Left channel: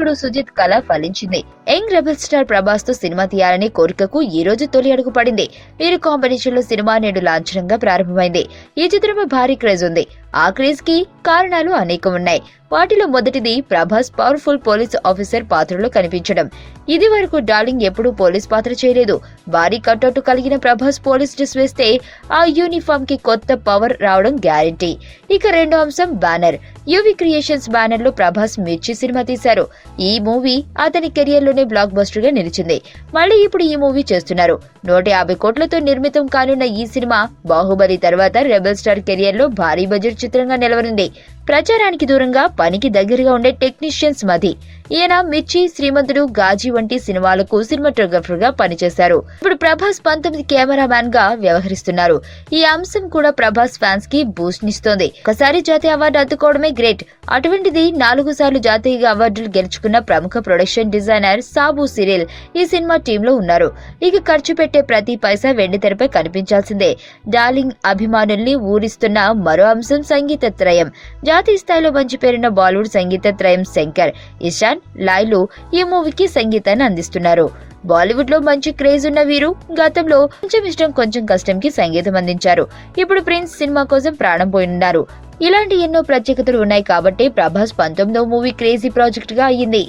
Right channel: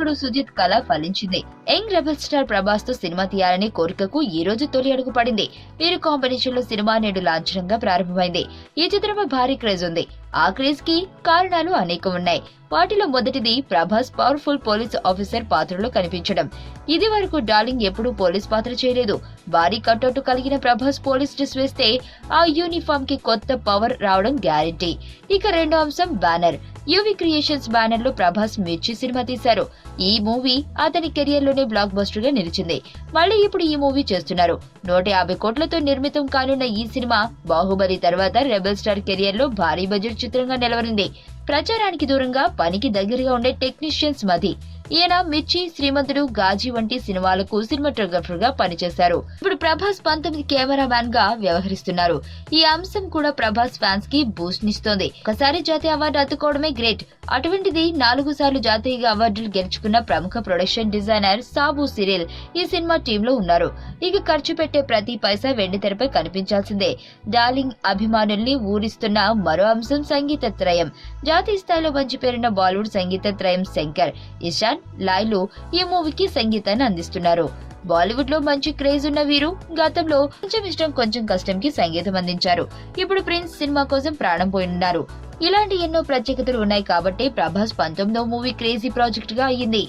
దర్శకుడు సుజిత్ కళ ఫలించింది. యంగ్ రెబల్ స్టార్ ప్రభాస్ తో సినిమా తీయాలనే కోరికకు ఈ రోజు తొలి అడుగు పడింది. వీరి కాంబినేషన్ లో సినిమా నేడు లాంఛనంగా ప్రారంభమైంది. ఈ చిత్రంపై భారీ క్రేజ్ ఉంది. ఆ క్రేజ్ కి కారణాలు అనేకం ఉన్నాయి. వాటిలో మొదటిది ప్రభాస్ పవర్ఫుల్ పోలీస్ ఆఫీసర్ పాత్రలో కనిపించడం. ఇది వరకు డార్లింగ్ ఎప్పుడూ పోలీస్ పాత్ర చేయలేదు. భారీ కటౌట్ కలిగిన ప్రభాస్ పోలీస్ డ్రెస్ వేస్తే ఆ యూనిఫామ్ కి కొత్త పవర్ రావడం గ్యారెంటీ. ఇక రెండో అంశం బ్యానర్. యువి క్రియేషన్స్ బ్యానర్ లో ప్రభాస్ మిర్చి సినిమా తీశారు. ఈ మూవీ అతని కెరియర్ లోనే బ్లాక్ బస్టర్ గా నిలిచింది. మళ్ళీ ఇప్పుడు ఈ మూవీ చేస్తున్నారు. 150 కోట్లతో నిర్మితం కానున్న ఈ సినిమా బాహుబలి తర్వాత రెబల్ స్టార్ కెరియర్ లో భారీ బడ్జెట్ చిత్రంగా నిలవనుంది. ప్రచారానికి దూరంగా పనికి దగ్గరగా ఉండే టెక్నీషియన్స్ మధ్య ఈయన మిర్చి, శ్రీమంతుడు, గాజీ వంటి సినిమాలకు సినిమాటోగ్రఫర్ గా పనిచేశారు. ఇప్పుడు ప్రభాస్ 19 కెమెరామ్యాన్ గా వ్యవహరిస్తున్నారు. ఈ అంశం కూడా ప్రభాస్ ఫ్యాన్స్ కి బూస్ట్ నిస్తోంది. ఒకసారి జాతీయ అవార్డు అందుకోవడమే గ్రేట్. అటువంటిది 4 సార్లు జాతీయ అవార్డులు గెలుచుకున్న ప్రముఖ ప్రొడక్షన్ డిజైనర్ సాబు సిరిల్ ఈ సినిమా టీమ్ లో ఉన్నారు. ఇక ఖర్చు పెట్టే ప్రతి పైసా వెండితెరపై కనిపించాల్సిందే. డార్లింగ్ అభిమానుల్ని ఊరిస్తున్న మరో అంశం సంగీత త్రయం. జాతీయ స్థాయిలో మంచి పేరున్న బాలీవుడ్ సంగీత త్రయం శంకర్, ఇషాన్, లాయ్లు ఈ మూవీకి సంగీతాన్ని అందిస్తున్నారు. బాలీవుడ్ లో మంచి క్రేజ్ ఉన్న వీరు గతంలో కొంచెం ఇష్టం కొంచెం కష్టంకి సంగీతం అందించారు. ఇప్పుడు ప్రిన్స్ సినిమా కోసం ప్రాణం పోయిన్నారు. ఇలాంటి ఎన్నో ప్రత్యేకతలు ఉన్నాయి కాబట్టి ప్రభాస్ 19వ మూవీ క్రేజీ ప్రాజెక్ట్ గా అయ్యింది.